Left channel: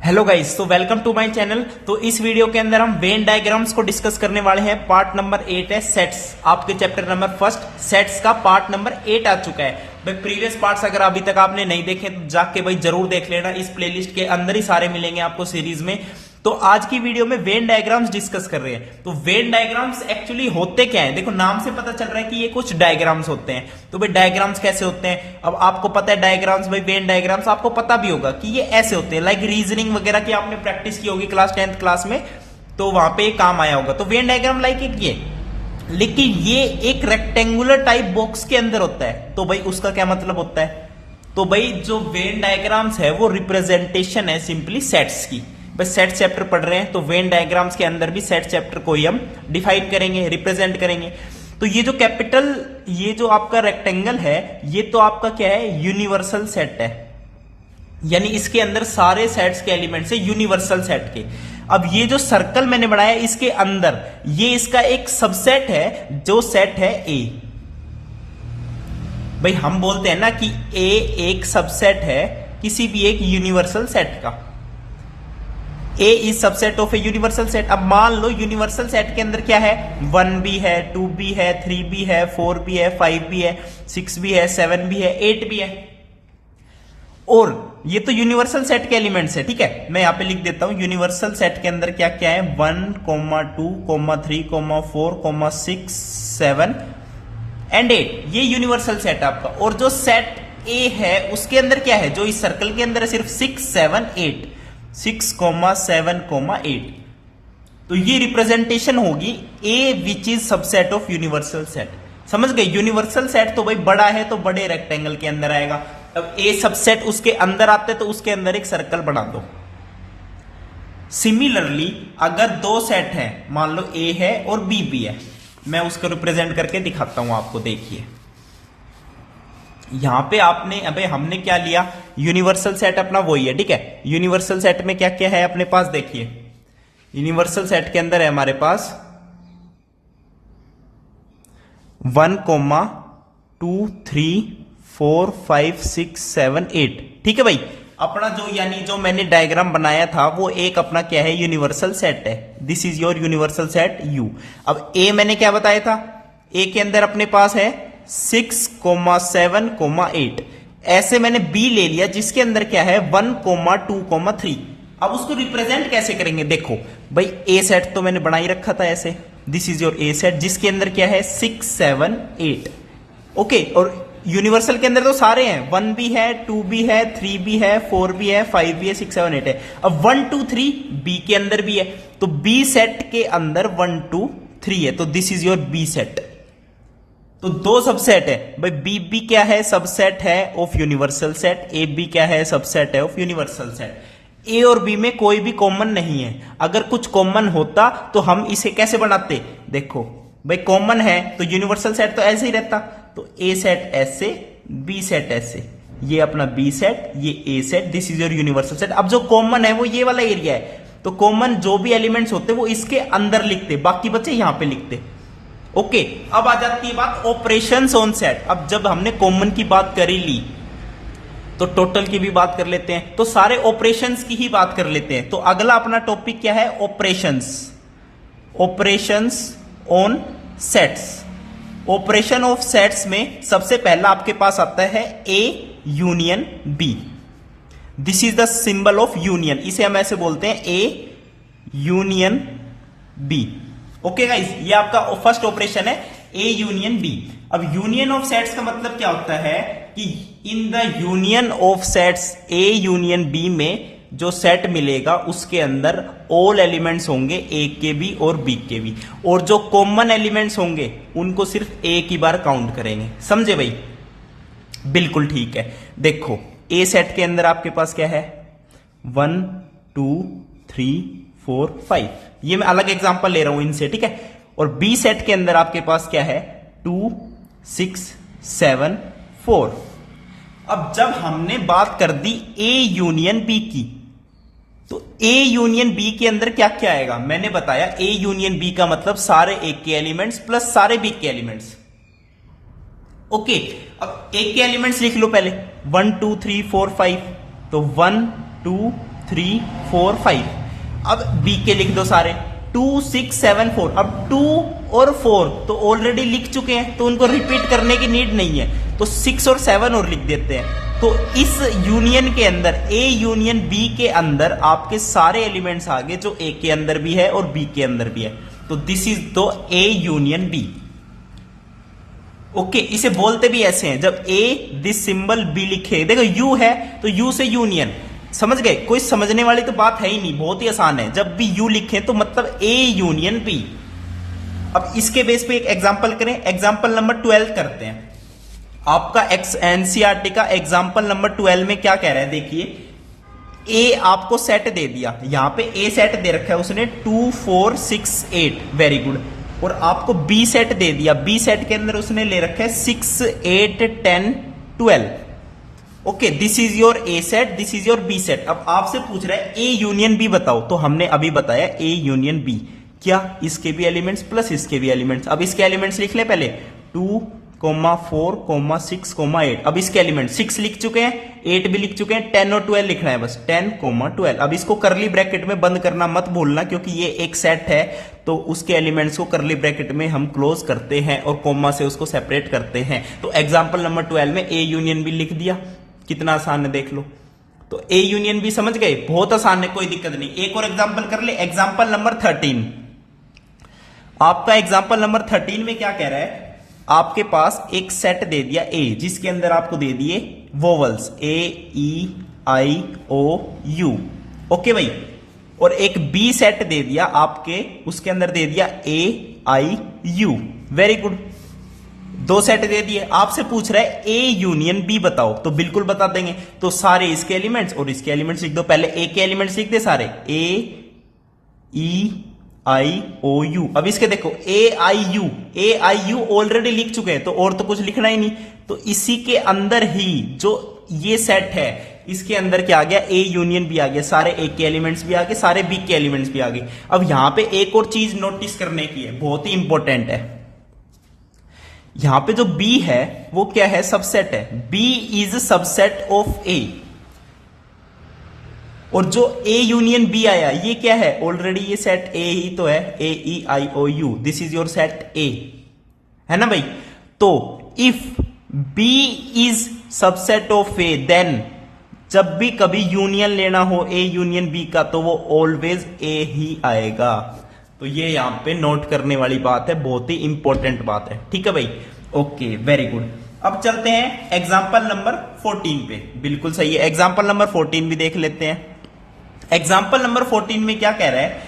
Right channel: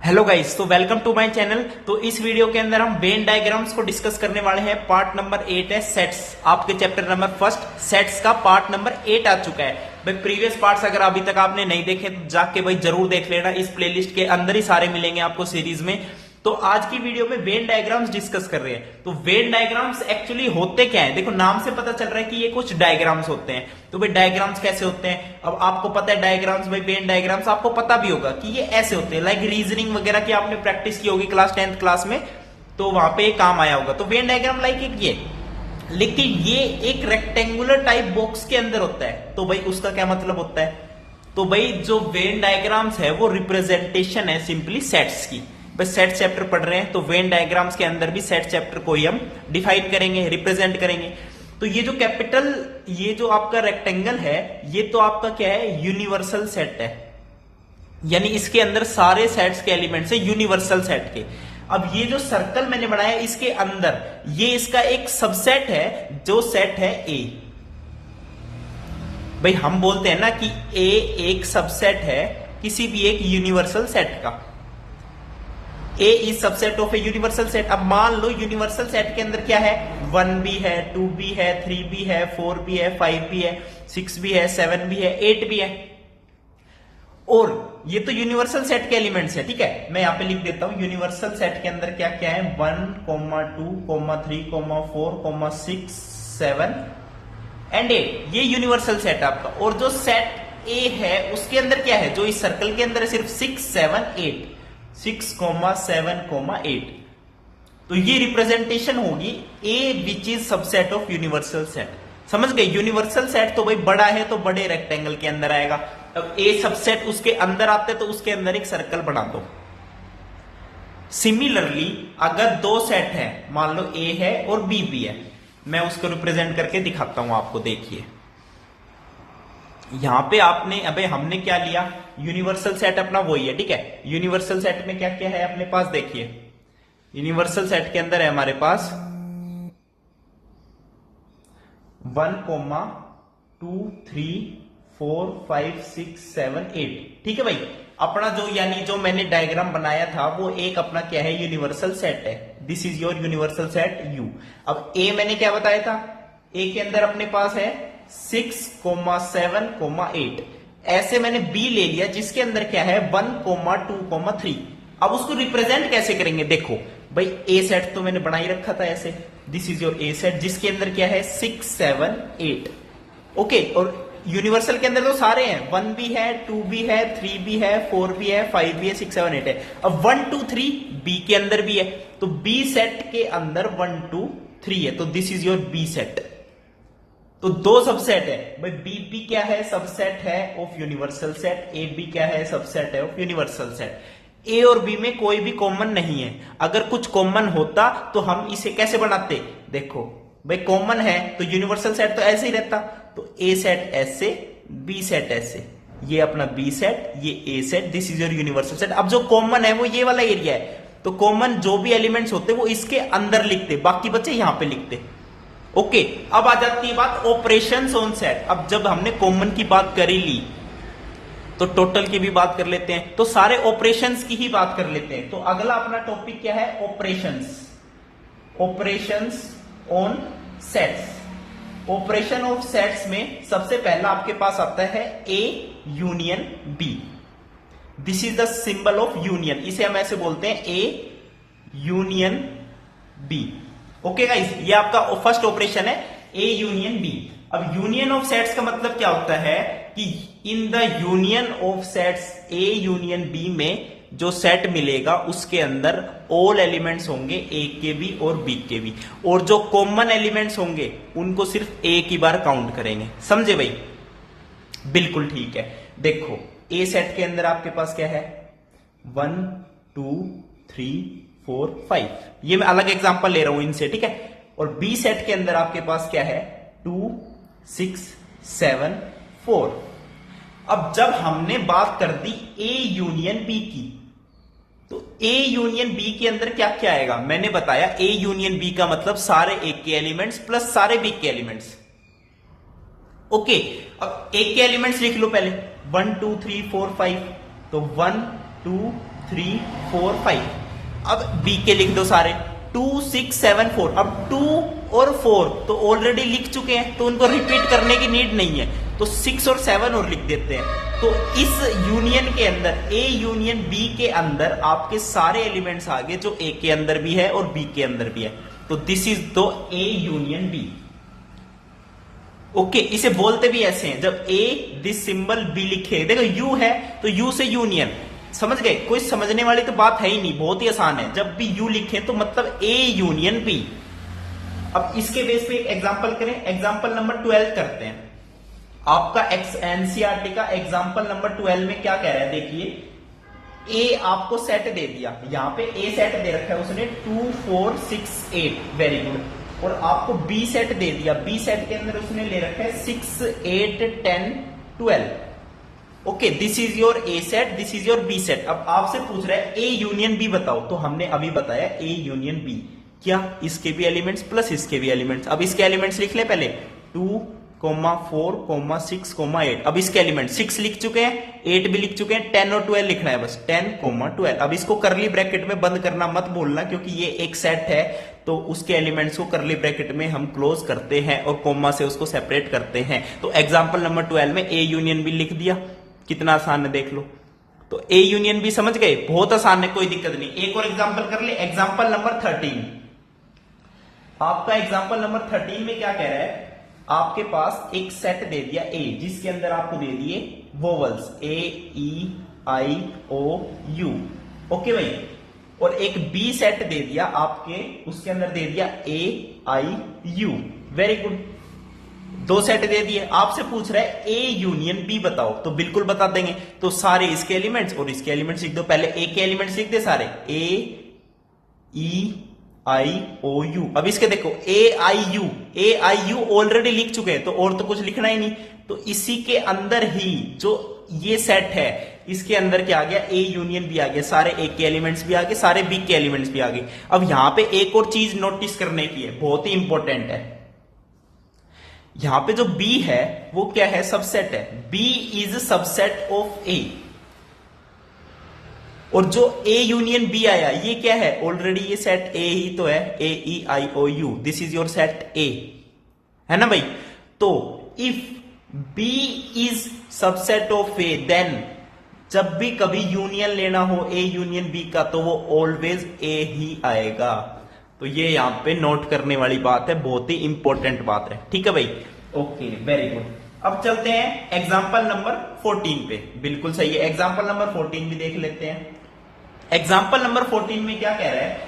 Hello guys, तो welcome to my channel. तो इस वीडियो के अंदर हम वेन डायग्राम्स को डिस्कस करने वाले हैं। पार्ट नंबर 8 है सेट्स। आपके चैप्टर नंबर फर्स्ट सेट्स का पार्ट नंबर 8 आ चुका है भाई। प्रीवियस पार्ट्स अगर अभी तक आपने नहीं देखे तो जाके भाई जरूर देख लेना। इस प्लेलिस्ट के अंदर ही सारे मिलेंगे आपको सीरीज में। तो आज की वीडियो में वेन डायग्राम्स डिस्कस कर रहे हैं। तो वेन डायग्राम्स एक्चुअली होते क्या है, देखो नाम से पता चल रहा है कि ये कुछ डायग्राम्स होते हैं। तो भाई डायग्राम्स कैसे होते हैं, अब आपको पता है डायग्राम्स, भाई वेन डायग्राम्स आपको पता भी होगा कि ये ऐसे होते हैं। लाइक रीजनिंग वगैरह की आपने प्रैक्टिस की होगी क्लास 10th क्लास में, तो वहां पे काम आया होगा। तो वेन डायग्राम लाइक ये, लेकिन ये एक रेक्टेंगुलर टाइप बॉक्स के अंदर होता है। तो भाई उसका क्या मतलब होता है, तो भाई जो वेन डायग्राम्स है वो रिप्रेजेंटेशन है सिंपली सेट्स की। बस सेट चैप्टर पढ़ रहे हैं तो वेन डायग्राम्स के अंदर भी सेट चैप्टर को ही हम डिफाइन करेंगे, रिप्रेजेंट करेंगे। तो ये जो कैपिटल, ये जो आपका रेक्टेंगल है, ये तो आपका क्या है, यूनिवर्सल सेट है। यानी इसके अंदर सारे सेट्स के एलिमेंट्स है यूनिवर्सल सेट के। अब ये जो सर्कल मैंने बनाया इसके अंदर, ये इसका एक सबसेट है जो सेट है ए। भाई हम बोलते हैं ना कि ए एक सबसेट है किसी भी एक यूनिवर्सल सेट का। A is subset of a universal set. अब मान लो यूनिवर्सल सेट के अंदर क्या है, 1b है, 2b है, 3b है, 4b है, 5b है, 6b है, 7b है, 8b है। और ये तो यूनिवर्सल सेट के एलिमेंट्स है, ठीक है। मैं यहां पे लिख देता हूं यूनिवर्सल सेट के अंदर क्या क्या है, 1, 2, 3, 4, 6, 7 एंड 8। ये यूनिवर्सल सेट है आपका। और जो सेट ए है उसके अंदर क्या है, जो इस सर्कल के अंदर है सिर्फ 6, 7, 8, 6, 7, 8। तो ये रिप्रेजेंटेशन होगी A which is subset of universal set. समझ गए, यूनिवर्सल सेट तो भाई बड़ा है तो बड़े रेक्टेंगल के अंदर आएगा। अब ए सबसेट उसके अंदर आते तो उसके अंदर एक सर्कल बना दो। सिमिलरली अगर दो सेट है, मान लो ए है और बी भी है, मैं उसको रिप्रेजेंट करके दिखाता हूं आपको। देखिए यहां पे आपने, अबे हमने क्या लिया, यूनिवर्सल सेट अपना वही है, ठीक है। यूनिवर्सल सेट में क्या क्या है अपने पास, देखिए यूनिवर्सल सेट के अंदर है हमारे पास 1, 2, 3, 4, 5, 6, 7, 8, ठीक है भाई। अपना जो, यानी जो मैंने डायग्राम बनाया था वो एक अपना क्या है, यूनिवर्सल सेट है। This is your universal set you. अब ए मैंने क्या बताया था, ए के अंदर अपने पास है 6, 7, 8। ऐसे मैंने बी ले लिया जिसके अंदर क्या है 1, 2, 3। अब उसको रिप्रेजेंट कैसे करेंगे, देखो भाई ए सेट तो मैंने बना ही रखा था ऐसे। This is your A set जिसके अंदर क्या है 6, 7, 8। ओके, और यूनिवर्सल के अंदर तो सारे हैं, 1 भी है, 2 भी है, 3 भी है, 4 भी है, 5 भी है, 6, 7, 8 है। अब 1, 2, 3 बी के अंदर भी है, तो बी सेट के अंदर 1, 2, 3 है, तो this is your B set. तो दो सबसेट है भाई, बी बी क्या है, सबसेट है of universal set, A B क्या है, सबसेट है ऑफ यूनिवर्सल सेट। ए और बी में कोई भी कॉमन नहीं है। अगर कुछ कॉमन होता तो हम इसे कैसे बनाते, देखो भाई कॉमन है तो यूनिवर्सल सेट तो ऐसे ही रहता। तो ए सेट ऐसे, बी सेट ऐसे, ये अपना बी सेट, ये A set, this is your universal set. अब जो कॉमन है वो ये वाला एरिया है, तो कॉमन जो भी एलिमेंट्स होते वो इसके अंदर लिखते, बाकी बच्चे यहां पे लिखते। ओके, अब आ जाती है बात ऑपरेशंस ऑन सेट। अब जब हमने कॉमन की बात कर ही ली तो टोटल की भी बात कर लेते हैं, तो सारे ऑपरेशंस की ही बात कर लेते हैं। तो अगला अपना टॉपिक क्या है, operations. Operations on sets. Operation of sets में सबसे पहला आपके पास आता है A union B. This is the symbol of union, इसे हम ऐसे बोलते हैं A union B. Okay guys, ये आपका फर्स्ट ऑपरेशन है ए यूनियन बी। अब यूनियन ऑफ सेट्स का मतलब क्या होता है कि in the union of sets A union B में जो सेट मिलेगा उसके अंदर ऑल एलिमेंट्स होंगे ए के भी और बी के भी, और जो कॉमन एलिमेंट्स होंगे उनको सिर्फ एक ही बार काउंट करेंगे। समझे भाई, बिल्कुल ठीक है। देखो ए सेट के अंदर आपके पास क्या है, 1, 2, 3, 4, 5। ये मैं अलग एग्जांपल ले रहा हूं इनसे, ठीक है। और बी सेट के अंदर आपके पास क्या है, 2, 6, 7, 4। अब जब हमने बात कर दी ए यूनियन बी की, तो ए यूनियन बी के अंदर क्या क्या आएगा, मैंने बताया ए यूनियन बी का मतलब सारे ए के एलिमेंट्स प्लस सारे बी के एलिमेंट्स। ओके, अब ए के एलिमेंट्स लिख लो पहले, 1, 2, 3, 4, 5। तो 1, 2, 3 4 5। अब बी के लिख दो सारे 2 6 7 4। अब 2 और 4 तो ऑलरेडी लिख चुके हैं तो उनको रिपीट करने की नीड नहीं है, तो 6 और 7 और लिख देते हैं। तो इस यूनियन के अंदर ए यूनियन बी के अंदर आपके सारे एलिमेंट्स आ गए जो ए के अंदर भी है और बी के अंदर भी है। तो this is the A union B. Okay, इसे बोलते भी ऐसे हैं, जब ए दिस सिंबल बी लिखे, देखो यू है तो यू से यूनियन, समझ गए? कोई समझने वाली तो बात है ही नहीं, बहुत ही आसान है। जब भी यू लिखे तो मतलब ए यूनियन बी। अब इसके बेस पे एक एग्जांपल करें, एग्जांपल नंबर 12 करते हैं। आपका एनसीईआरटी का एग्जांपल नंबर 12 में क्या कह रहा है, देखिए ए आपको सेट दे दिया, यहां पे ए सेट दे रखा है उसने 2 4 6 8, वेरी गुड। और आपको बी सेट दे दिया, बी सेट के अंदर उसने ले रखा है 6 8 10 12। Okay, this is your A set, this is your B set. अब आपसे पूछ रहा है ए यूनियन बी बताओ, तो हमने अभी बताया ए यूनियन बी, क्या इसके भी एलिमेंट्स प्लस इसके भी एलिमेंट्स। अब इसके एलिमेंट्स लिख ले पहले 2 4 6 8। अब इसके एलिमेंट 6 लिख चुके हैं, 8 भी लिख चुके हैं, 10 और 12 लिखना है बस, 10 12। अब इसको करली ब्रैकेट में बंद करना मत भूलना, क्योंकि ये एक सेट है तो उसके एलिमेंट्स को करली ब्रैकेट में हम क्लोज करते हैं और कोमा से उसको सेपरेट करते हैं। तो एग्जांपल नंबर 12 में ए यूनियन बी लिख दिया, कितना आसान है देख लो। तो ए यूनियन बी समझ गए, बहुत आसान है, कोई दिक्कत नहीं। एक और एग्जांपल कर ले, एग्जांपल नंबर 13। आपका एग्जांपल नंबर 13 में क्या कह रहा है, आपके पास एक सेट दे दिया ए, जिसके अंदर आपको दे दिए vowels A E I O U. Okay भाई, और एक बी सेट दे दिया आपके, उसके अंदर दे दिया ए आई यू, वेरी गुड। 2 सेट दे दिए, आपसे पूछ रहा है ए यूनियन बी बताओ, तो बिल्कुल बता देंगे। तो सारे इसके एलिमेंट्स और इसके एलिमेंट्स लिख दो। पहले ए के एलिमेंट्स लिख दे सारे, ए ई आई ओ यू। अब इसके देखो ए आई यू ऑलरेडी लिख चुके हैं, तो और तो कुछ लिखना ही नहीं। तो इसी के अंदर ही जो ये सेट है, इसके अंदर क्या आ गया, ए यूनियन बी आ गया, सारे ए के एलिमेंट्स भी आ गए, सारे बी के एलिमेंट्स भी आ गए। अब यहां पे एक और चीज नोटिस करने की है, बहुत ही इंपॉर्टेंट है। यहां पे जो बी है वो क्या है, सबसेट है। बी इज सबसेट ऑफ ए, और जो ए यूनियन बी आया ये क्या है, ऑलरेडी ये सेट ए ही तो है, A E I O U, this is your set A, है ना भाई। तो if B is subset of A, then जब भी कभी यूनियन लेना हो ए यूनियन बी का, तो वो ऑलवेज ए ही आएगा। तो ये यहां पे नोट करने वाली बात है, बहुत ही इंपॉर्टेंट बात है, ठीक है भाई। Okay, very good. अब चलते हैं एग्जाम्पल नंबर 14 पे, बिल्कुल सही है। एग्जाम्पल नंबर 14 भी देख लेते हैं। एग्जाम्पल नंबर 14 में क्या कह रहा है,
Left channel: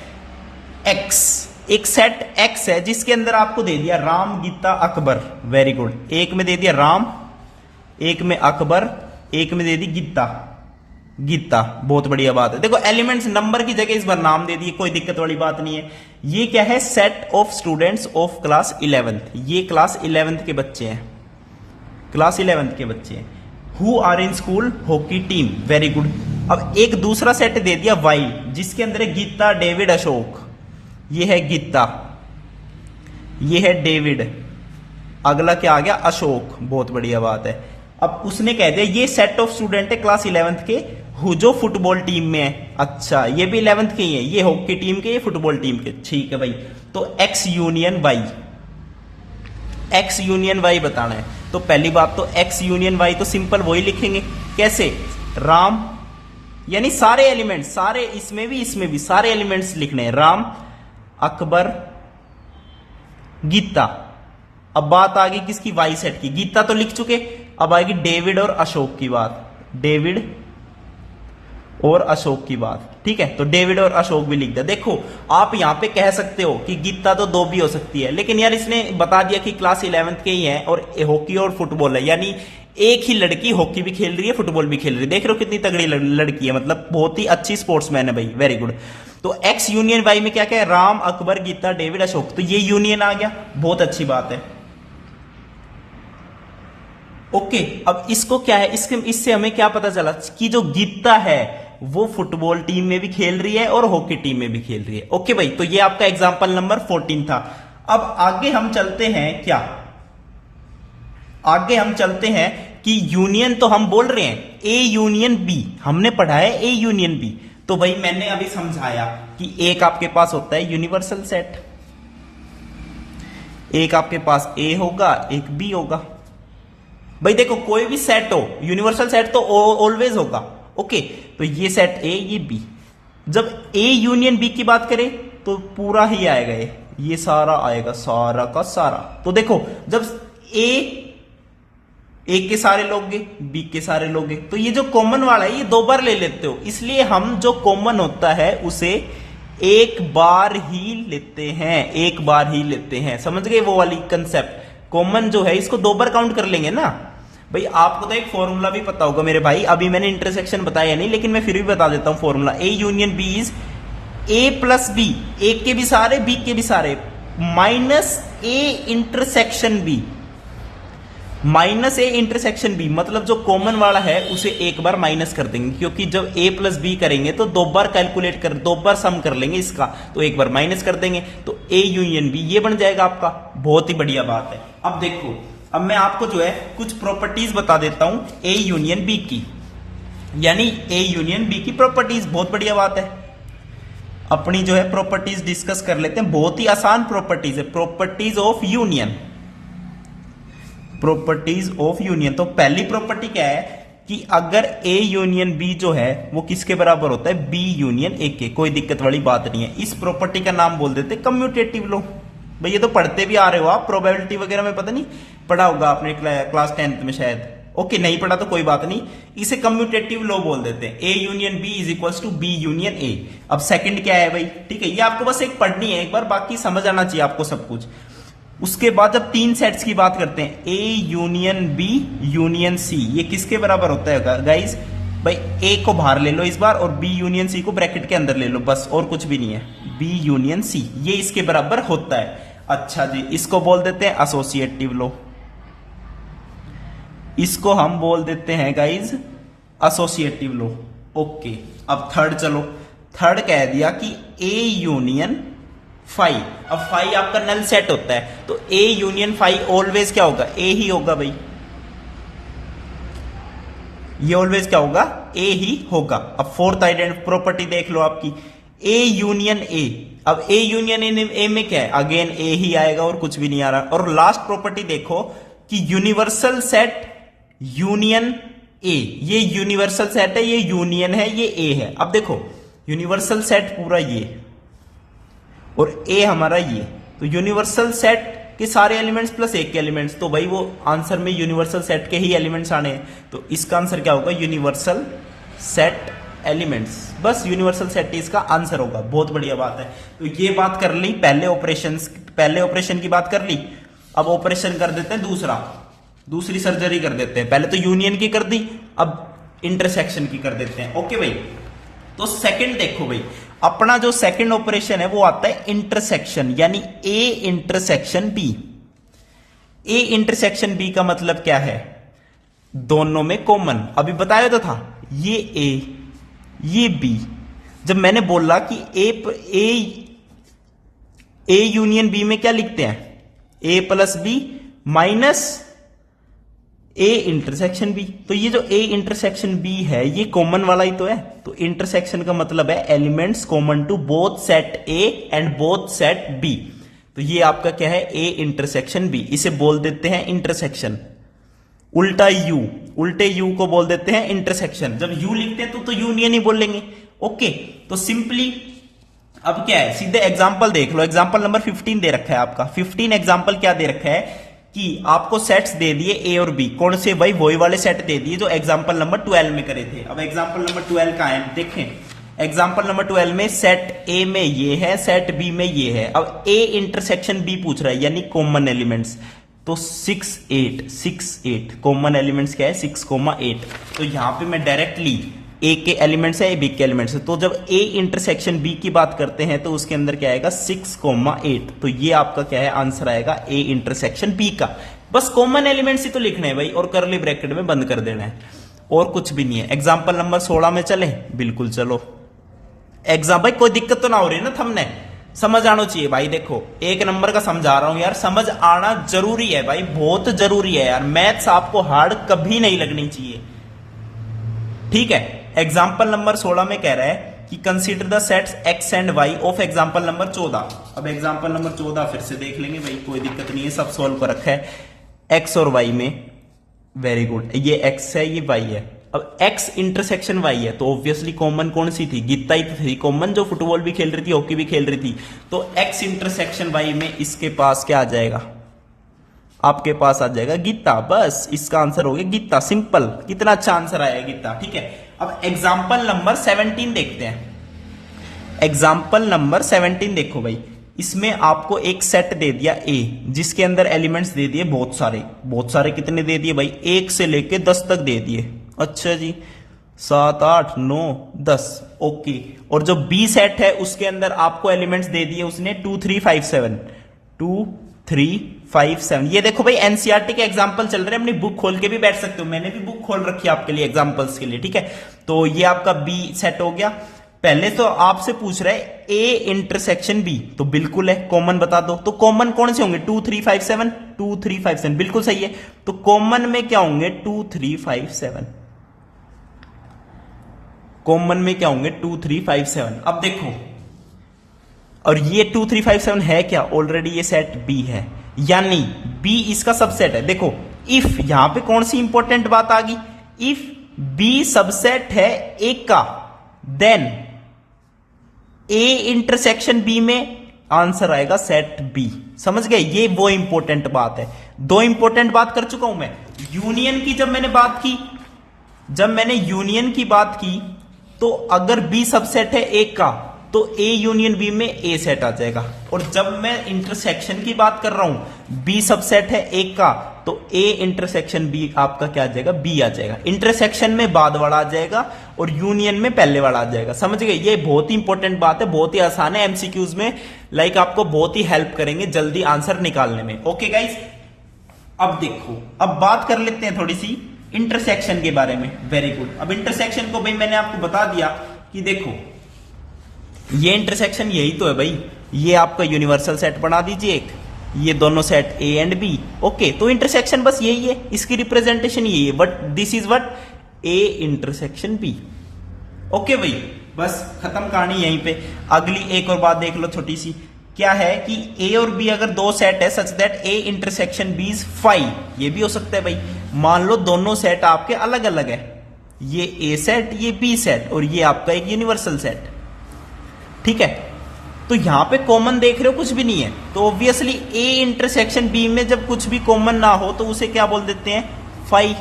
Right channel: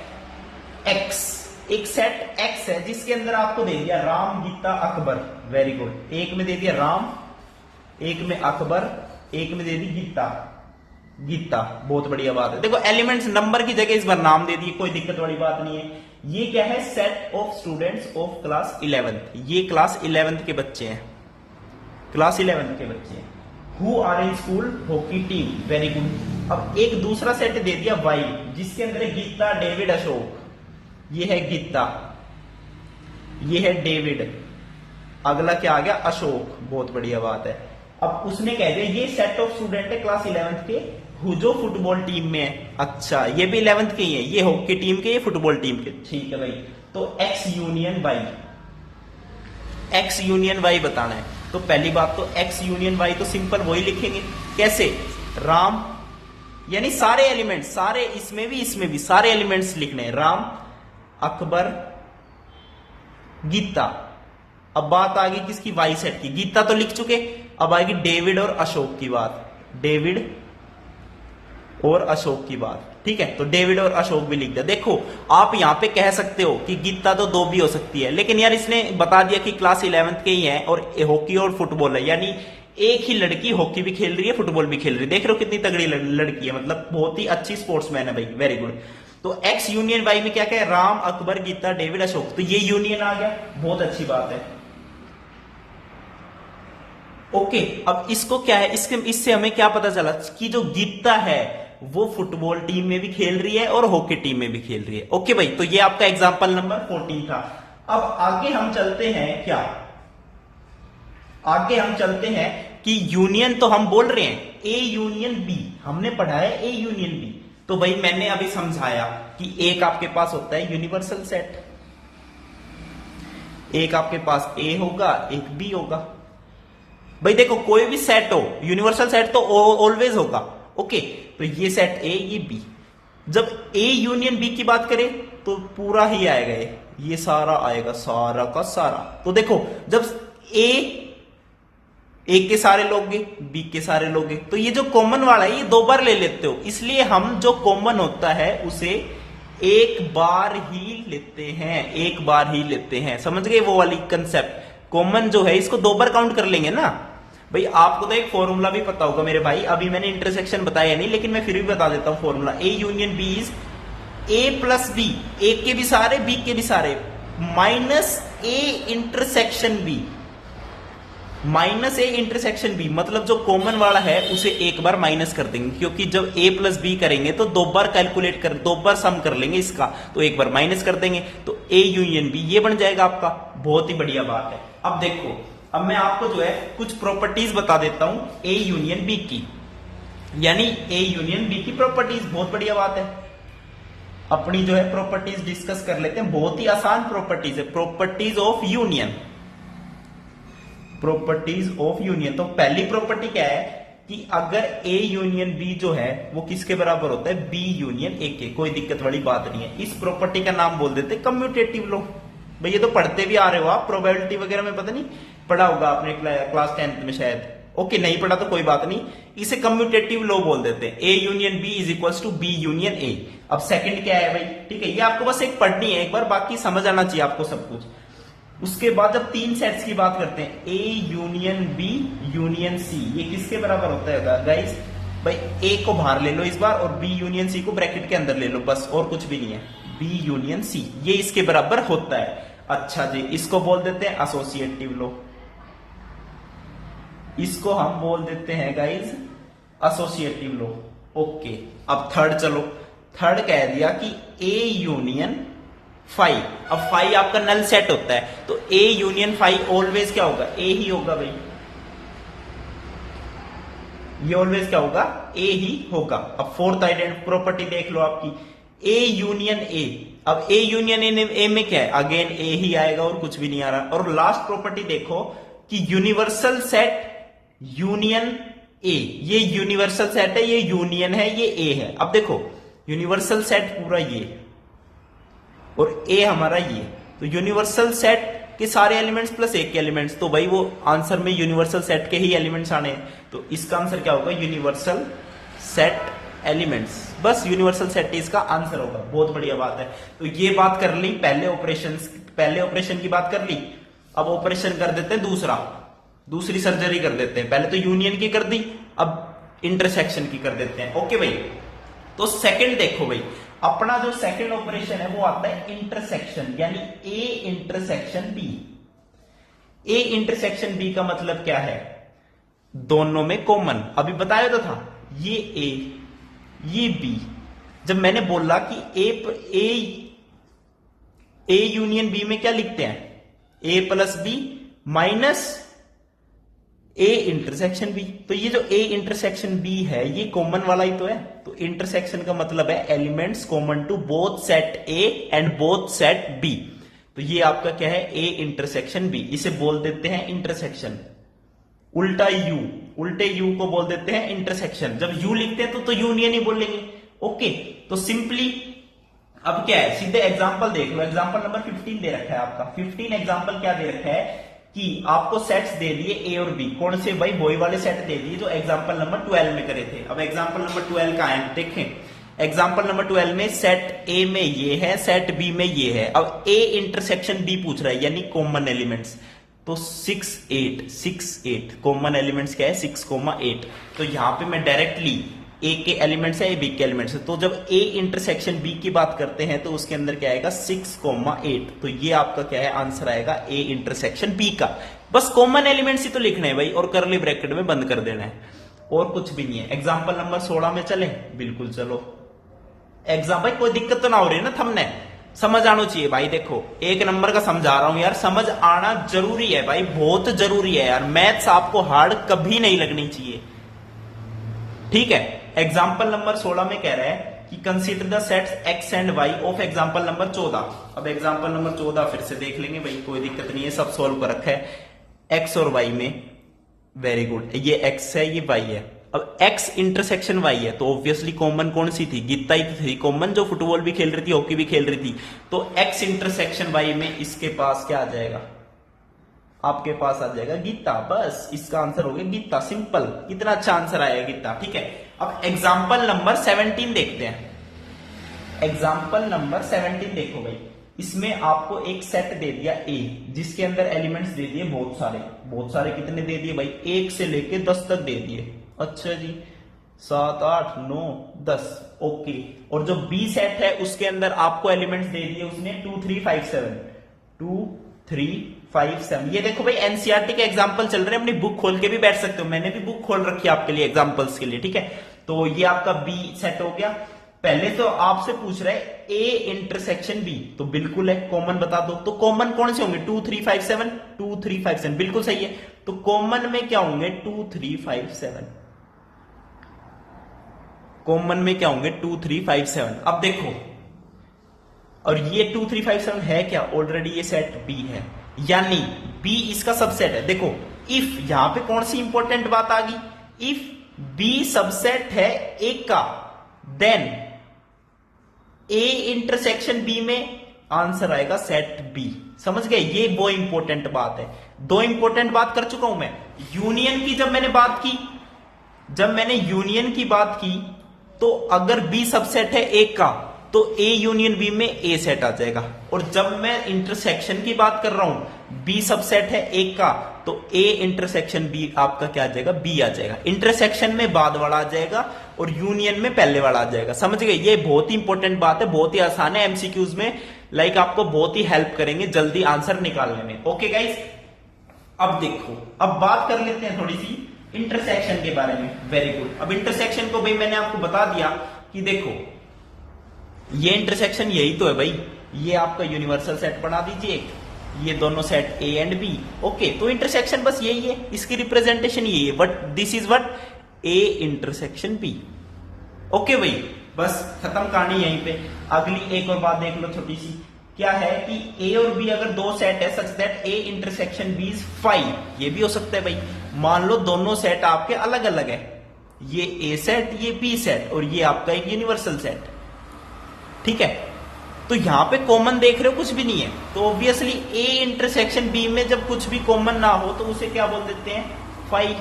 एक्स, एक सेट एक्स है जिसके अंदर आपको दे दिया राम गीता अकबर, वेरी गुड। एक में दे दिया राम, एक में अकबर, एक में दे दी गीता, बहुत बढ़िया बात है। देखो एलिमेंट्स नंबर की जगह इस बार नाम दे दिए, कोई दिक्कत वाली बात नहीं है। ये क्या है, set of students of class 11th। ये क्लास 11th के बच्चे हैं, क्लास 11th के बच्चे हैं। Who are in school hockey team, very good. अब एक दूसरा सेट दे दिया वाई, जिसके अंदर है गीता डेविड अशोक। ये है गीता, ये है डेविड, अगला क्या आ गया, अशोक, बहुत बढ़िया बात है। अब उसने कह दिया ये सेट ऑफ स्टूडेंट है क्लास 11th के, जो फुटबॉल टीम में है। अच्छा, ये भी 11th के ही है, ये हॉकी टीम के, ये फुटबॉल टीम के, ठीक है भाई। तो X union Y, X union Y बताना है। तो पहली बात तो एक्स यूनियन वाई तो सिंपल वही लिखेंगे, कैसे, राम यानी सारे एलिमेंट्स, सारे इसमें भी सारे एलिमेंट्स लिखने हैं, राम अकबर गीता। अब बात आ गई किसकी, वाई सेट की। गीता तो लिख चुके, अब आएगी डेविड और अशोक की बात, डेविड और अशोक की बात, ठीक है। तो डेविड और अशोक भी लिख दिया। देखो आप यहां पे कह सकते हो कि गीता तो 2 भी हो सकती है, लेकिन यार इसने बता दिया कि क्लास 11th के ही है और हॉकी और फुटबॉल है, यानी एक ही लड़की हॉकी भी खेल रही है, फुटबॉल भी खेल रही है। देख रहे हो कितनी तगड़ी लड़की है, मतलब बहुत ही अच्छी स्पोर्ट्समैन है भाई, वेरी गुड। तो एक्स यूनियन वाई में क्या क्या है, राम अकबर गीता डेविड अशोक, तो ये यूनियन आ गया, बहुत अच्छी बात है। ओके, अब इसको क्या है, इससे हमें क्या पता चला कि जो गीता है वो फुटबॉल टीम में भी खेल रही है और हॉकी टीम में भी खेल रही है। ओके भाई, तो ये आपका एग्जांपल नंबर 14 था। अब आगे हम चलते हैं, क्या आगे हम चलते हैं कि यूनियन तो हम बोल रहे हैं ए यूनियन बी, हमने पढ़ा है ए यूनियन बी, तो भाई मैंने अभी समझाया कि एक आपके पास होता है यूनिवर्सल सेट, एक आपके पास ए होगा, एक बी होगा। भाई देखो कोई भी सेट हो, यूनिवर्सल सेट तो ऑलवेज होगा। ओके, तो ये सेट ए, ये बी। जब ए यूनियन बी की बात करें तो पूरा ही आएगा, ये सारा आएगा, सारा का सारा। तो देखो जब ए के सारे लोगे, बी के सारे लोगे, तो ये जो कॉमन वाला है ये दो बार ले लेते हो, इसलिए हम जो कॉमन होता है उसे एक बार ही लेते हैं, एक बार ही लेते हैं। समझ गए वो वाली कंसेप्ट? कॉमन जो है इसको दो बार काउंट कर लेंगे ना। भाई आपको तो एक फॉर्मूला भी पता होगा मेरे भाई, अभी मैंने इंटरसेक्शन बताया नहीं लेकिन मैं फिर भी बता देता हूं formula. A union B is A plus B, A के भी सारे बी के भी सारे, minus A intersection B, minus A intersection B. मतलब जो कॉमन वाला है उसे एक बार माइनस कर देंगे, क्योंकि जब ए प्लस बी करेंगे तो दो बार कैलकुलेट कर, दो बार सम कर लेंगे इसका, तो एक बार माइनस कर देंगे, तो ए यूनियन बी ये बन जाएगा आपका। बहुत ही बढ़िया बात है। अब देखो, अब मैं आपको जो है कुछ प्रॉपर्टीज बता देता हूं ए यूनियन बी की, यानी ए यूनियन बी की प्रॉपर्टीज। बहुत बढ़िया बात है। अपनी जो है प्रॉपर्टीज डिस्कस कर लेते हैं। बहुत ही आसान प्रॉपर्टीज है, properties of union, properties of union. तो पहली प्रॉपर्टी क्या है कि अगर ए यूनियन बी जो है वो किसके बराबर होता है, बी यूनियन ए के। कोई दिक्कत वाली बात नहीं है। इस प्रॉपर्टी का नाम बोल देते हैं कम्यूटेटिव लॉ। भाई ये तो पढ़ते भी आ रहे हो आप, प्रोबेबिलिटी वगैरह में पता नहीं पढ़ा होगा आपने क्लास 10th में शायद। ओके, नहीं पढ़ा तो कोई बात नहीं, इसे कम्यूटेटिव लॉ बोल देते हैं। A union B is equal to B union A. अब सेकंड क्या है भाई, ठीक है, ये आपको बस एक पढ़नी है एक बार, बाकी समझ आना चाहिए आपको सब कुछ। उसके बाद जब तीन सेट्स की बात करते हैं, A union B union C, ये किसके बराबर होता है गाइस? भाई ए को बाहर ले लो इस बार और बी यूनियन सी को ब्रैकेट के अंदर ले लो, बस और कुछ भी नहीं है। बी यूनियन सी ये इसके बराबर होता है। अच्छा जी, इसको बोल देते हैं एसोसिएटिव लॉ, इसको हम बोल देते हैं गाइज एसोसिएटिव लॉ। ओके, अब थर्ड चलो, थर्ड कह दिया कि ए यूनियन फाइव। अब फाइव आपका नल सेट होता है, तो ए यूनियन फाइव ऑलवेज क्या होगा, ए ही होगा भाई, ये ऑलवेज क्या होगा, ए ही होगा। अब फोर्थ आइडेंटिटी प्रॉपर्टी देख लो आपकी, ए यूनियन ए। अब ए यूनियन ए में क्या है, अगेन ए ही आएगा और कुछ भी नहीं आ रहा। और लास्ट प्रॉपर्टी देखो कि यूनिवर्सल सेट यूनियन ए, ये यूनिवर्सल सेट है, ये यूनियन है, ये ए है। अब देखो यूनिवर्सल सेट पूरा ये और ए हमारा ये, तो यूनिवर्सल सेट के सारे एलिमेंट्स प्लस एक के एलिमेंट्स, तो भाई वो आंसर में यूनिवर्सल सेट के ही एलिमेंट्स आने हैं, तो इसका आंसर क्या होगा, यूनिवर्सल सेट एलिमेंट्स। बस यूनिवर्सल सेट इसका आंसर होगा। बहुत बढ़िया बात है। तो ये बात कर ली पहले ऑपरेशन की बात कर ली। अब ऑपरेशन कर देते हैं दूसरी सर्जरी कर देते हैं। पहले तो यूनियन की कर दी, अब इंटरसेक्शन की कर देते हैं। ओके भाई, तो सेकंड देखो भाई, अपना जो सेकंड ऑपरेशन है वो आता है इंटरसेक्शन, यानी A intersection B. A intersection B का मतलब क्या है, दोनों में कॉमन। अभी बताया तो था, ये ए ये बी। जब मैंने बोला कि ए यूनियन बी में क्या लिखते हैं, A plus B minus A intersection B, तो ये जो ए इंटरसेक्शन बी है ये कॉमन वाला ही तो है। तो इंटरसेक्शन का मतलब है elements common to both set A and both set B. तो ये आपका क्या है, ए इंटरसेक्शन बी, इसे बोल देते हैं इंटरसेक्शन। उल्टे यू को बोल देते हैं इंटरसेक्शन। जब यू लिखते हैं तो यूनियन ही बोलेंगे। ओके, तो सिंपली अब क्या है, सीधे एग्जांपल देख लो। एग्जांपल नंबर 15 दे रखा है आपका। 15 एग्जांपल क्या दे रखा है कि आपको सेट्स दे दिए ए और बी। कौन से भाई, वही वाले सेट दे दिए जो एग्जांपल नंबर 12 में करे थे। अब एग्जांपल नंबर 12 का है, देखें एग्जांपल नंबर 12 में सेट ए में ये है, सेट बी में ये है। अब ए इंटरसेक्शन बी पूछ रहा है, यानी कॉमन एलिमेंट्स। तो 6 8 कॉमन एलिमेंट्स क्या है, 6,8। तो यहां पे मैं डायरेक्टली ए के एलिमेंट्स है, बी के एलिमेंट्स है। तो जब ए इंटरसेक्शन बी की बात करते हैं तो उसके अंदर क्या आएगा, 6,8। तो ये आपका क्या है, आंसर आएगा ए इंटरसेक्शन बी का। बस कॉमन एलिमेंट्स ही तो लिखने हैं भाई, और करली ब्रैकेट में बंद कर देना है, और कुछ भी नहीं है। एग्जाम्पल नंबर 16 में चले, बिल्कुल चलो। भाई कोई दिक्कत तो ना हो रही ना, थंबनेल समझ आना चाहिए भाई। देखो एक नंबर का समझा रहा हूं यार, समझ आना जरूरी है भाई, बहुत जरूरी है यार। मैथ्स आपको हार्ड कभी नहीं लगनी चाहिए, ठीक है। एग्जाम्पल नंबर 16 में कह रहा है कि consider the sets X and Y of example number 14। अब एग्जांपल नंबर 14 फिर से देख लेंगे भाई, कोई दिक्कत नहीं है, सब सोल्व कर रखा है एक्स और वाई में। वेरी गुड, ये एक्स है ये वाई है। अब एक्स इंटरसेक्शन वाई है तो ऑब्वियसली कॉमन कौन सी थी, गीता ही थी कॉमन, जो फुटबॉल भी खेल रही थी हॉकी भी खेल रही थी। तो एक्स इंटरसेक्शन वाई में इसके पास क्या आ जाएगा, आपके पास आ जाएगा गीता। बस इसका आंसर हो गया गीता, सिंपल। कितना अच्छा आंसर आया गीता, ठीक है। अब एग्जाम्पल नंबर 17 देखते हैं। एग्जाम्पल नंबर 17 देखो भाई, इसमें आपको एक सेट दे दिया ए, जिसके अंदर एलिमेंट्स दे दिए बहुत सारे। बहुत सारे कितने दे दिए भाई, 1 से लेके 10 तक दे दिए। अच्छा जी, 7 8 9 10, ओके। और जो बी सेट है उसके अंदर आपको एलिमेंट्स दे दिए उसने 2 3 5 7, 2 3 5 7। ये देखो भाई एनसीईआरटी के एग्जांपल चल रहे हैं, अपनी बुक खोल के भी बैठ सकते हो, मैंने भी बुक खोल रखी है आपके लिए एग्जांपल्स के लिए, ठीक है। तो ये आपका बी सेट हो गया। पहले तो आपसे पूछ रहा है ए इंटरसेक्शन बी, तो बिल्कुल है, कॉमन बता दो। तो कॉमन कौन से होंगे, 2 3 5 7, 2 3 5 7, बिल्कुल सही है। तो कॉमन में क्या होंगे, 2 3 5 7। कॉमन में क्या होंगे, 2 3 5 7। अब देखो, और ये 2 3 5 7 है क्या, ऑलरेडी ये सेट बी है, यानी बी इसका सबसेट है। देखो इफ, यहां पे कौन सी इंपॉर्टेंट बात आ गई, इफ बी सबसेट है एक का, देन ए इंटरसेक्शन बी में आंसर आएगा सेट बी। समझ गए, ये वो इंपॉर्टेंट बात है। 2 इंपॉर्टेंट बात कर चुका हूं मैं। यूनियन की जब मैंने बात की, तो अगर बी सबसेट है एक का तो ए यूनियन बी में ए सेट आ जाएगा। और जब मैं इंटरसेक्शन की बात कर रहा हूं, बी सबसेट है एक का तो ए इंटरसेक्शन बी आपका क्या आ जाएगा, बी आ जाएगा। इंटरसेक्शन में बाद वाला आ जाएगा और यूनियन में पहले वाला आ जाएगा। समझ गए, ये बहुत ही इंपॉर्टेंट बात है, बहुत ही आसान है। एमसीक्यूज में लाइक आपको बहुत ही हेल्प करेंगे जल्दी आंसर निकालने में। ओके गाइस, अब देखो, अब बात कर लेते हैं थोड़ी सी इंटरसेक्शन के बारे में। Very good. अब इंटरसेक्शन को भाई मैंने आपको बता दिया कि देखो ये इंटरसेक्शन यही तो है भाई, ये आपका यूनिवर्सल सेट बना दीजिए एक, ये दोनों set A and B. Okay, तो इंटरसेक्शन बस यही है, इसकी रिप्रेजेंटेशन यही है, but this is what, A intersection B. Okay भाई, बस खत्म कहानी यहीं पे। अगली एक और बात देख लो छोटी सी, क्या है कि ए और बी अगर 2 सेट है such that A intersection B is 5, ये भी हो सकता है भाई। मान लो दोनों सेट आपके अलग अलग है, ये ए सेट ये बी सेट, और ये आपका एक यूनिवर्सल सेट, ठीक है। तो यहां पे कॉमन देख रहे हो कुछ भी नहीं है, तो ऑब्वियसली ए इंटरसेक्शन बी में जब कुछ भी कॉमन ना हो तो उसे क्या बोल देते हैं, 5,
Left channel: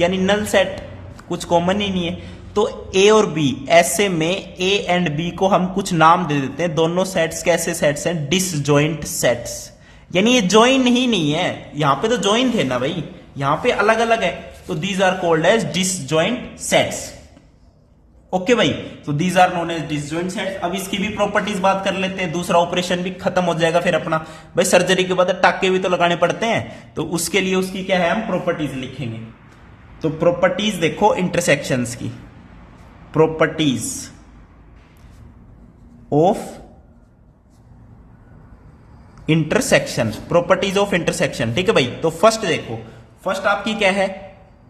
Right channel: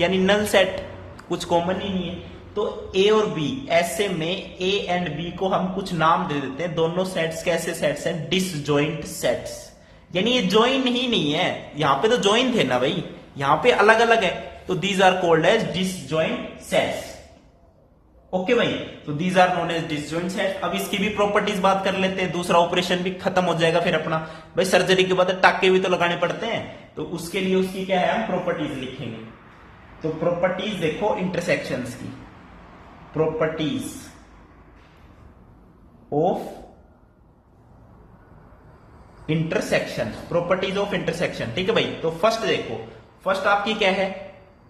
यानी नल सेट, कुछ कॉमन ही नहीं है। तो ए और बी, ऐसे में ए एंड बी को हम कुछ नाम दे देते हैं। दोनों सेट्स कैसे सेट्स हैं, डिसजॉइंट सेट्स, यानी ये ज्वाइन ही नहीं है। यहां पे तो ज्वाइन थे ना भाई, यहां पे अलग अलग है, तो these are called as disjoint sets. Okay भाई, तो these are known as disjoint sets. अब इसकी भी प्रॉपर्टीज बात कर लेते हैं, दूसरा ऑपरेशन भी खत्म हो जाएगा फिर अपना। भाई सर्जरी के बाद टाके भी तो लगाने पड़ते हैं, तो उसके लिए उसकी क्या है, हम प्रॉपर्टीज लिखेंगे। तो प्रॉपर्टीज देखो इंटरसेक्शंस की, properties of intersection, properties of intersection, ठीक है भाई। तो फर्स्ट देखो, फर्स्ट आपकी क्या है,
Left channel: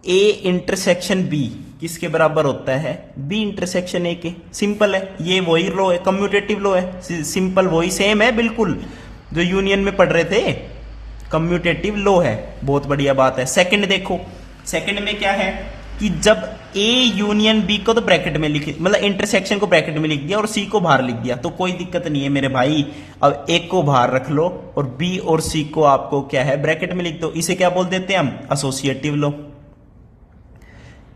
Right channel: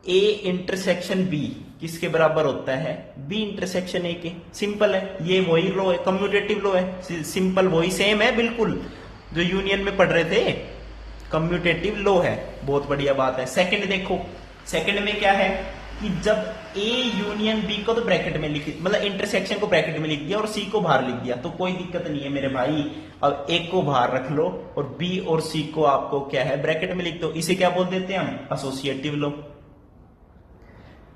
ए इंटरसेक्शन बी किसके बराबर होता है, बी इंटरसेक्शन ए के। सिंपल है, ये वही लॉ है, कम्यूटेटिव लॉ है, सिंपल वही सेम है बिल्कुल जो यूनियन में पढ़ रहे थे, कम्यूटेटिव लॉ है। बहुत बढ़िया बात है। सेकंड देखो, सेकंड में क्या है कि जब ए यूनियन बी को तो ब्रैकेट में लिख, मतलब इंटरसेक्शन को ब्रैकेट में लिख दिया और सी को बाहर लिख दिया, तो कोई दिक्कत नहीं है मेरे भाई। अब ए को बाहर रख लो और बी और सी को आपको क्या है, ब्रैकेट में लिख दो। इसे क्या बोल देते हैं हम, एसोसिएटिव लॉ।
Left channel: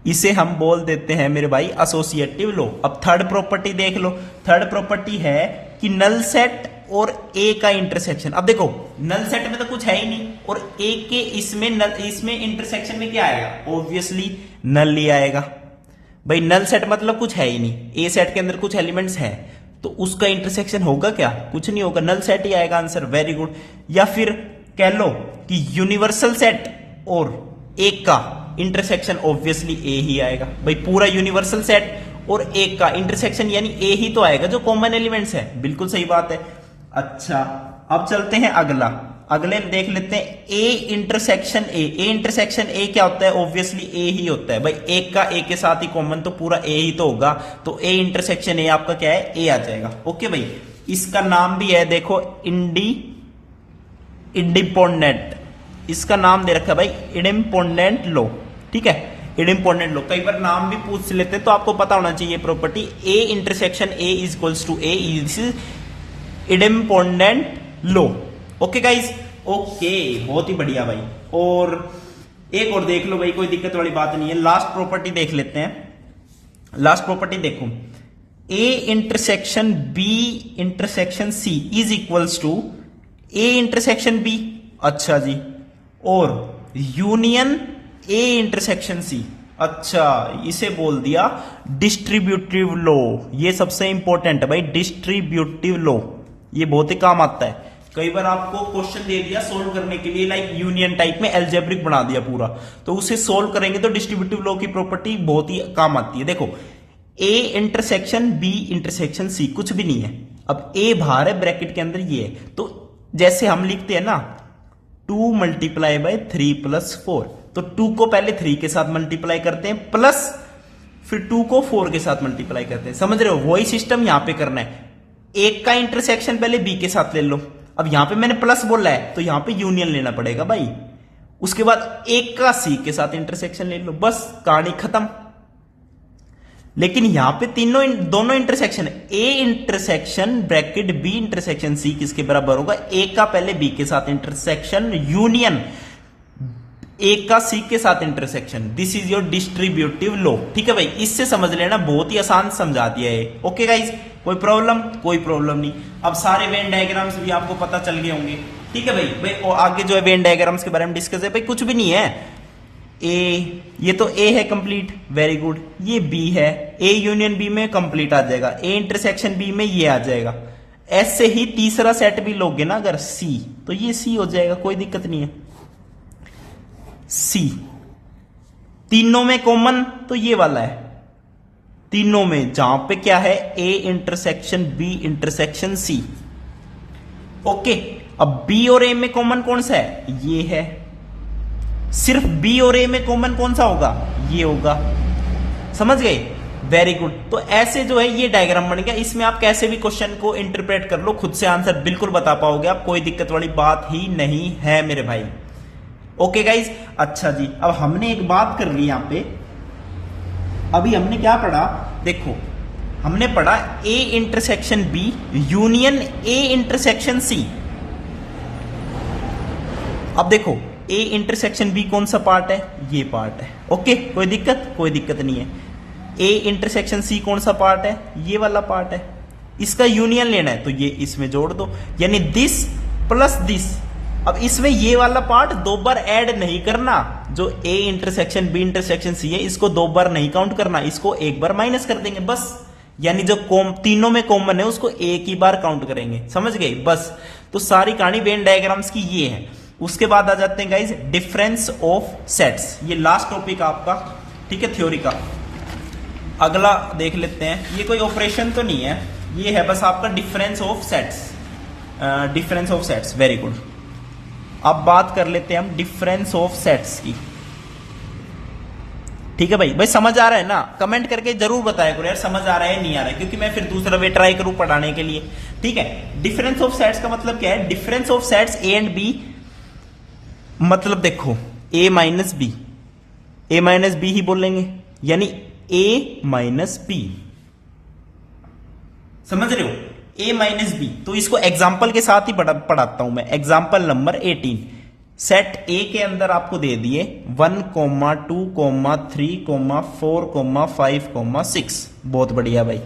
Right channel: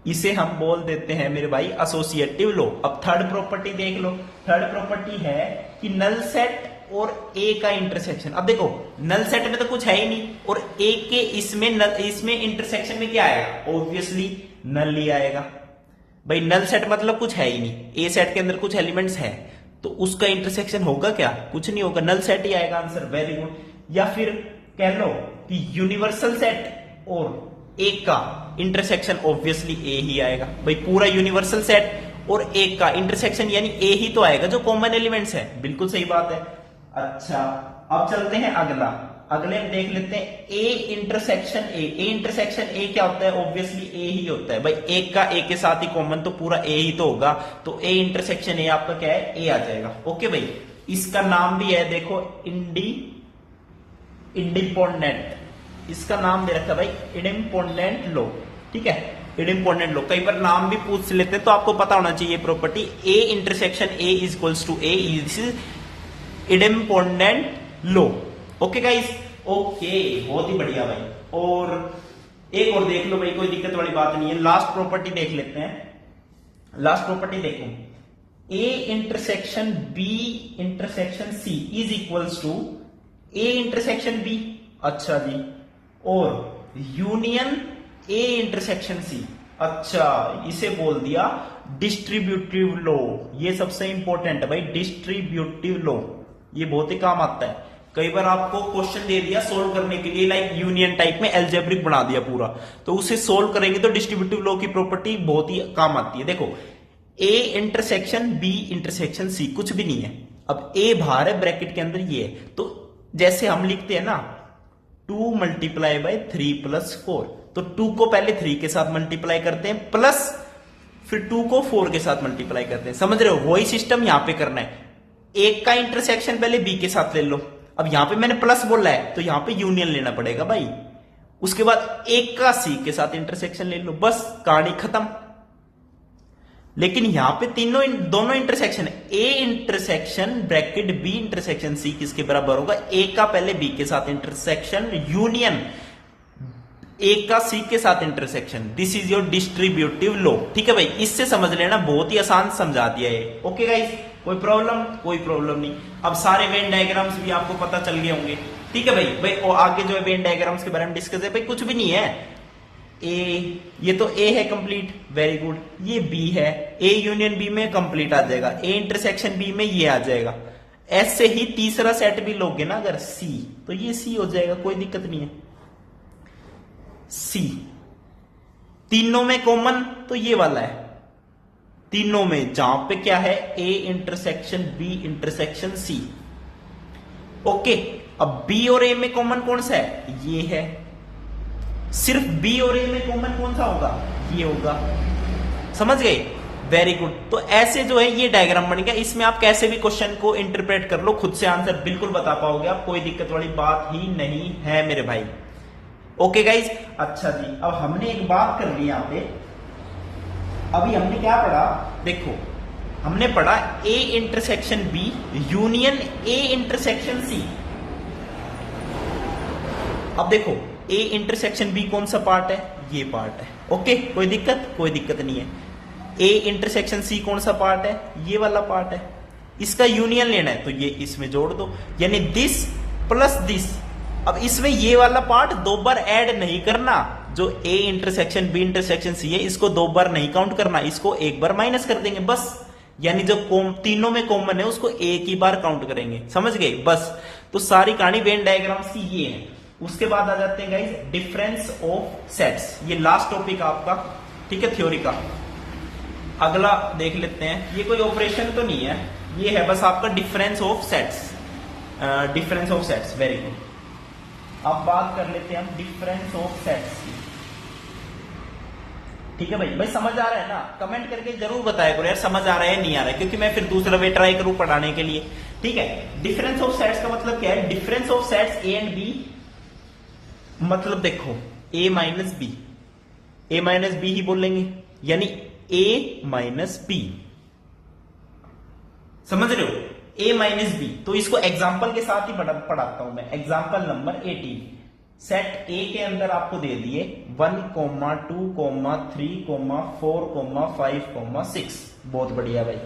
इसे हम बोल देते हैं मेरे भाई एसोसिएटिव लॉ। अब थर्ड प्रॉपर्टी देख लो, थर्ड प्रॉपर्टी है कि नल सेट और ए का इंटरसेक्शन। अब देखो नल सेट में तो कुछ है ही नहीं, और ए के इसमें इंटरसेक्शन में क्या आएगा, ऑब्वियसली नल ही आएगा भाई। नल सेट मतलब कुछ है ही नहीं, ए सेट के अंदर कुछ एलिमेंट्स है तो उसका इंटरसेक्शन होगा क्या, कुछ नहीं होगा, नल सेट ही आएगा आंसर। Very good. या फिर कह लो कि यूनिवर्सल सेट और एक का इंटरसेक्शन ऑब्वियसली ए ही आएगा भाई। पूरा यूनिवर्सल सेट और एक का इंटरसेक्शन यानी ए ही तो आएगा जो कॉमन एलिमेंट्स है, बिल्कुल सही बात है। अच्छा, अब चलते हैं अगला। अगले देख लेते हैं ए इंटरसेक्शन ए। ए इंटरसेक्शन ए क्या होता है? ऑब्वियसली ए ही होता है भाई, एक का ए के साथ ही कॉमन तो पूरा ए ही तो होगा, तो ए इंटरसेक्शन ए आपका क्या है? ए आ जाएगा। ओके भाई, इसका नाम भी है देखो इंडिपेंडेंट, इसका नाम दे रखा है भाई इंडिपेंडेंट लॉ। ठीक है, इंडिपेंडेंट लॉ, कई बार नाम भी पूछ लेते हैं तो आपको पता होना चाहिए property. A intersection A is equals to A is independent law. Okay guys, okay, बहुत ही बढ़िया भाई। और एक और देख लो भाई, कोई दिक्कत वाली बात नहीं है। लास्ट प्रॉपर्टी देख लेते हैं। लास्ट प्रॉपर्टी देखो, A intersection B intersection C is equals to A intersection B. अच्छा जी, और यूनियन ए इंटरसेक्शन सी। अच्छा, इसे बोल दिया डिस्ट्रीब्यूटिव लॉ। ये सबसे इंपॉर्टेंट है भाई, डिस्ट्रीब्यूटिव लॉ, ये बहुत ही काम आता है। कई बार आपको क्वेश्चन दे दिया सोल्व करने के लिए, लाइक यूनियन टाइप में एल्जेब्रिक बना दिया पूरा, तो उसे सोल्व करेंगे तो डिस्ट्रीब्यूटिव लॉ की प्रॉपर्टी बहुत ही काम आती है। देखो, A intersection B intersection C, कुछ भी नहीं है। अब ए बाहर है, ब्रैकेट के अंदर ये है, तो जैसे हम लिखते हैं ना 2 मल्टीप्लाई बाय 3 प्लस 4, तो 2 को पहले 3 के साथ मल्टीप्लाई करते हैं, प्लस फिर 2 को 4 के साथ मल्टीप्लाई करते हैं। समझ रहे हो? वही सिस्टम यहां पे करना है। एक का इंटरसेक्शन पहले बी के साथ ले लो। अब यहां पे मैंने प्लस बोला है तो यहां पे यूनियन लेना पड़ेगा भाई। उसके बाद एक का सी के साथ इंटरसेक्शन ले लो, बस कहानी खत्म। लेकिन यहां पे दोनों intersection, A intersection bracket B intersection C किसके बराबर होगा? ए का पहले बी के साथ इंटरसेक्शन यूनियन ए का सी के साथ intersection. This is your distributive law. ठीक है भाई, इससे समझ लेना, बहुत ही आसान समझा दिया है। ओके गाइज, कोई प्रॉब्लम? कोई प्रॉब्लम नहीं। अब सारे वेन डायग्राम्स भी आपको पता चल गए होंगे। ठीक है भाई, और आगे जो है वेन डायग्राम्स के बारे में डिस्कस है भाई, कुछ भी नहीं है। ए, ये तो ए है कंप्लीट, वेरी गुड। ये बी है, ए यूनियन बी में कंप्लीट आ जाएगा, ए इंटरसेक्शन बी में ये आ जाएगा। ऐसे ही तीसरा सेट भी लोगे ना अगर सी, तो ये सी हो जाएगा, कोई दिक्कत नहीं है। सी तीनों में कॉमन तो ये वाला है, तीनों में जहां पे क्या है? A intersection B intersection C. Okay, अब बी और ए में कॉमन कौन सा है? ये है। सिर्फ बी और ए में कॉमन कौन सा होगा? ये होगा। समझ गए? Very good. तो ऐसे जो है ये डायग्राम बन गया। इसमें आप कैसे भी क्वेश्चन को इंटरप्रेट कर लो, खुद से आंसर बिल्कुल बता पाओगे आप, कोई दिक्कत वाली बात ही नहीं है मेरे भाई। ओके गाइज, अच्छा जी, अब हमने एक बात कर ली यहां पे। अभी हमने क्या पढ़ा? देखो, हमने पढ़ा A intersection B union A intersection C. अब देखो, ए इंटरसेक्शन बी कौन सा पार्ट है? ये पार्ट है। ओके, कोई दिक्कत? कोई दिक्कत नहीं है। ए इंटरसेक्शन सी कौन सा पार्ट है? ये वाला पार्ट है। इसका यूनियन लेना है तो ये इसमें जोड़ दो, यानी दिस प्लस दिस। अब इसमें ये वाला पार्ट 2 बार ऐड नहीं करना, जो A intersection B intersection C है इसको 2 बार नहीं काउंट करना, इसको एक बार माइनस कर देंगे बस। यानी जो तीनों में कॉमन है उसको एक ही बार काउंट करेंगे। समझ गए? बस। तो सारी कहानी वेन डायग्राम्स की ये है। उसके बाद आ जाते हैं गाइज डिफरेंस ऑफ सेट्स। ये लास्ट टॉपिक आपका, ठीक है, थ्योरी का। अगला देख लेते हैं। ये कोई ऑपरेशन तो नहीं है, ये है बस आपका difference of sets. Difference of sets, very good. अब बात कर लेते हैं हम डिफरेंस ऑफ सेट्स की। ठीक है भाई, भाई समझ आ रहा है ना? कमेंट करके जरूर बताया करो यार, समझ आ रहा है नहीं आ रहा है, क्योंकि मैं फिर दूसरा वे ट्राई करूं पढ़ाने के लिए। ठीक है, डिफरेंस ऑफ सेट्स का मतलब क्या है? Difference of sets A and B, मतलब देखो A minus B, A minus B ही बोलेंगे, यानी ए माइनस बी। समझ रहे हो? A minus B. तो इसको एग्जाम्पल के साथ ही पढ़ाता हूं मैं। एग्जाम्पल नंबर 18, सेट ए के अंदर आपको दे दिए 1, 2, 3, 4, 5, 6। बहुत बढ़िया भाई।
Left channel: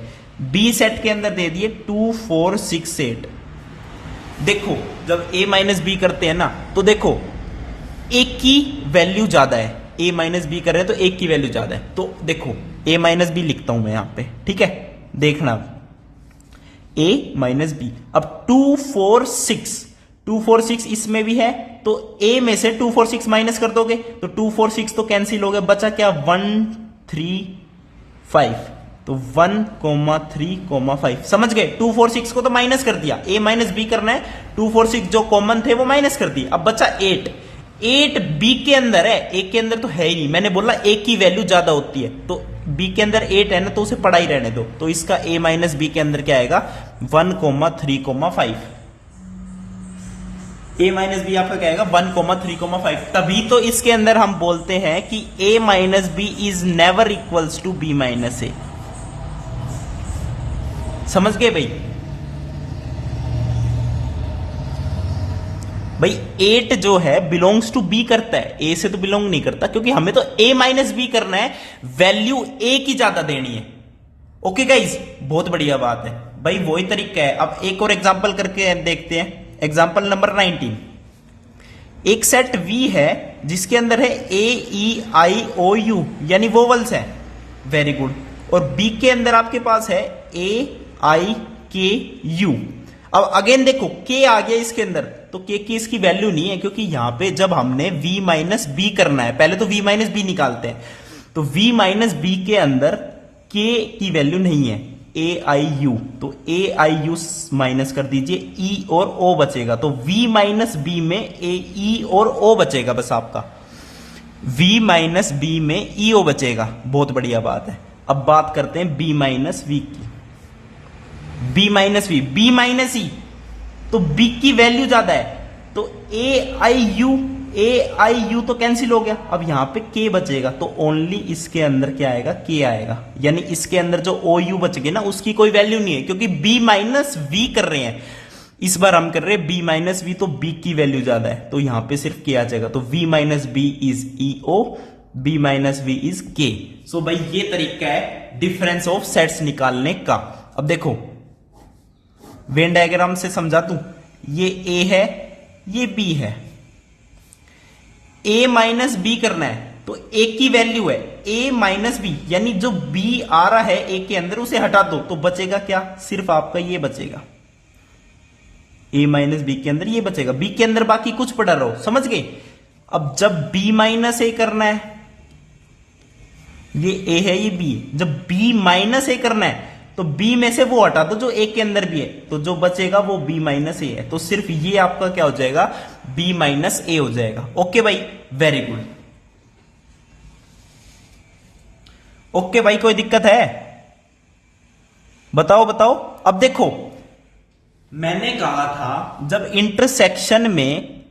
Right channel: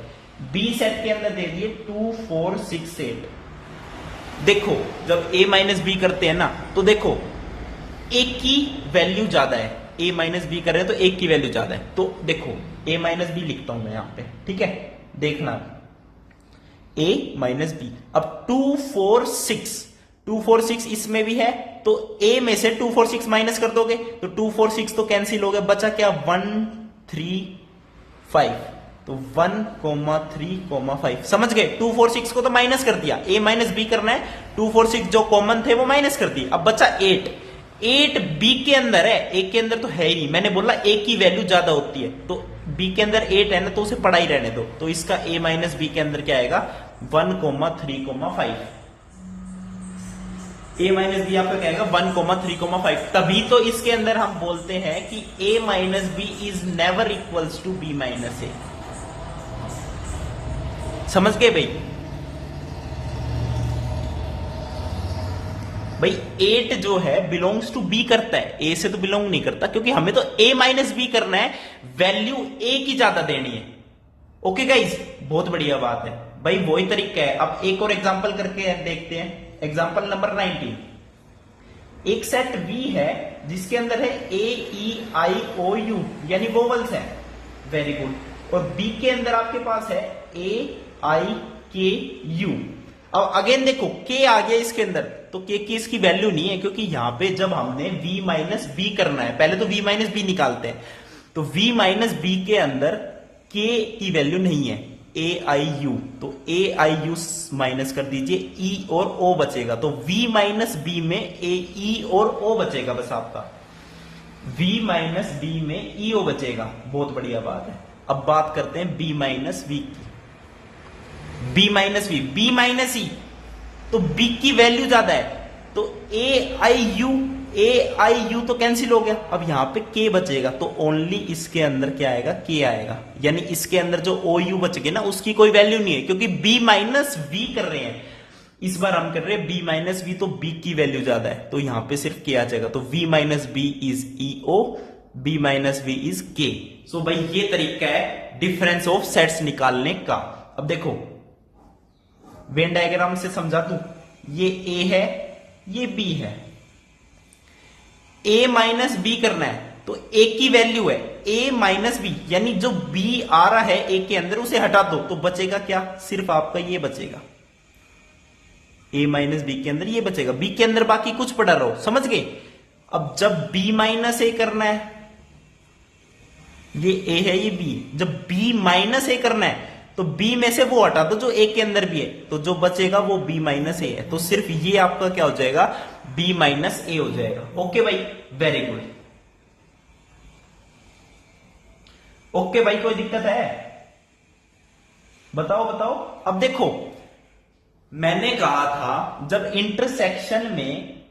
बी सेट के अंदर दे दिए 2, 4, 6, 8। देखो, जब ए माइनस बी करते हैं ना, तो देखो एक की वैल्यू ज्यादा है, ए माइनस बी कर रहे हैं तो एक की वैल्यू ज्यादा है। तो देखो ए माइनस बी लिखता हूं मैं यहां पे, ठीक है, देखना ए माइनस बी। अब 2, 4, 6, 2, 4, 6 इसमें भी है, तो ए में से 2, 4, 6 माइनस कर दोगे तो 2, 4, 6 तो कैंसिल हो गए, बचा क्या? 1, 3, 5। तो 1,3,5 समझ गए। 2 4 6 को तो माइनस कर दिया, a माइनस बी करना है। 2 4 6 जो कॉमन थे वो माइनस कर दिए, अब बचा 8। 8 बी के अंदर है, ए के अंदर तो है ही नहीं, मैंने बोला ए की वैल्यू ज्यादा होती है, तो बी के अंदर 8 है ना, तो उसे पड़ा ही रहने दो। तो इसका a माइनस बी के अंदर क्या आएगा 1,3,5। a माइनस बी आपका क्या आएगा 1,3,5। तभी तो इसके अंदर हम बोलते हैं कि a minus B is never equals to b minus A. समझ गए भाई 8 जो है बिलोंग्स टू बी करता है, ए से तो बिलोंग नहीं करता, क्योंकि हमें तो a माइनस बी करना है, वैल्यू a की ज्यादा देनी है। ओके गाइज, बहुत बढ़िया बात है भाई, वही तरीका है। अब एक और एग्जांपल करके देखते हैं, एग्जांपल नंबर 19। एक सेट V है जिसके अंदर है A E I O U यानी वोवल्स है, वेरी गुड, और B के अंदर आपके पास है A I K U। अब अगेन देखो K आ गया इसके अंदर, तो K की इसकी वैल्यू नहीं है, क्योंकि यहां पे जब हमने V माइनस बी करना है, पहले तो V माइनस बी निकालते हैं, तो V माइनस बी के अंदर K की वैल्यू नहीं है, A I U, तो A I U माइनस कर दीजिए, E और O बचेगा, तो V माइनस बी में A E और O बचेगा, बस आपका V माइनस बी में E O बचेगा। बहुत बढ़िया बात है। अब बात करते हैं B माइनस V की, B minus V, B minus E, तो B की वैल्यू ज्यादा है, तो A I U तो कैंसिल हो गया, अब यहां पे K बचेगा, तो ओनली इसके अंदर क्या आएगा K आएगा, यानी इसके अंदर जो OU बच गए ना उसकी कोई वैल्यू नहीं है, क्योंकि B माइनस V कर रहे हैं, इस बार हम कर रहे हैं B माइनस V, तो B की वैल्यू ज्यादा है, तो यहां पे सिर्फ K आ जाएगा, तो V minus B is EO, B minus V is K। सो भाई ये तरीका है डिफरेंस ऑफ सेट्स निकालने का। अब देखो वेन डायग्राम से समझा दूं, ये A है, ये B है, A माइनस बी करना है, तो A की वैल्यू है A माइनस बी, यानी जो B आ रहा है A के अंदर उसे हटा दो, तो बचेगा क्या, सिर्फ आपका ये बचेगा, A माइनस बी के अंदर ये बचेगा, B के अंदर बाकी कुछ पड़ा रहो, समझ गए। अब जब B माइनस A करना है, ये A है ये B, जब B माइनस A करना है तो B में से वो हटा दो जो A के अंदर भी है, तो जो बचेगा वो B माइनस A है, तो सिर्फ ये आपका क्या हो जाएगा B माइनस A हो जाएगा। ओके भाई, वेरी गुड। ओके भाई, कोई दिक्कत है बताओ बताओ। अब देखो मैंने कहा था जब इंटरसेक्शन में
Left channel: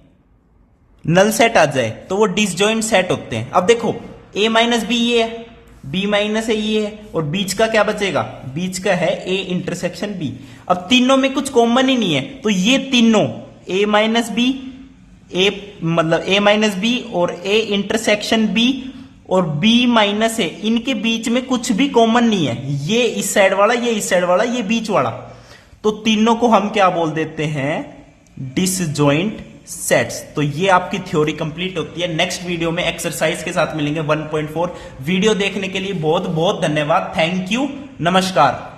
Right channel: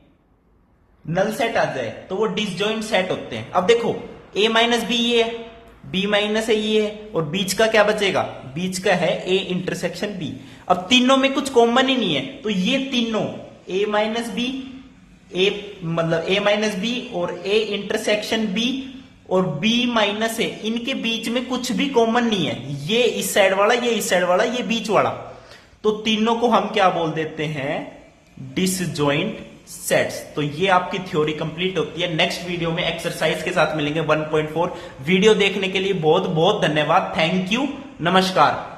नल सेट आ जाए तो वो डिसजॉइंट सेट होते हैं। अब देखो A माइनस बी ये है, B माइनस ए ये है, और बीच का क्या बचेगा, बीच का है A इंटरसेक्शन B। अब तीनों में कुछ कॉमन ही नहीं है, तो ये तीनों A माइनस बी, A मतलब A माइनस बी और A इंटरसेक्शन B और B माइनस ए, इनके बीच में कुछ भी कॉमन नहीं है, ये इस साइड वाला, ये इस साइड वाला, ये बीच वाला, तो तीनों को हम क्या बोल देते हैं डिसजॉइंट सेट्स। तो ये आपकी थ्योरी कंप्लीट होती है। नेक्स्ट वीडियो में एक्सरसाइज के साथ मिलेंगे 1.4। वीडियो देखने के लिए बहुत बहुत धन्यवाद, थैंक यू, नमस्कार।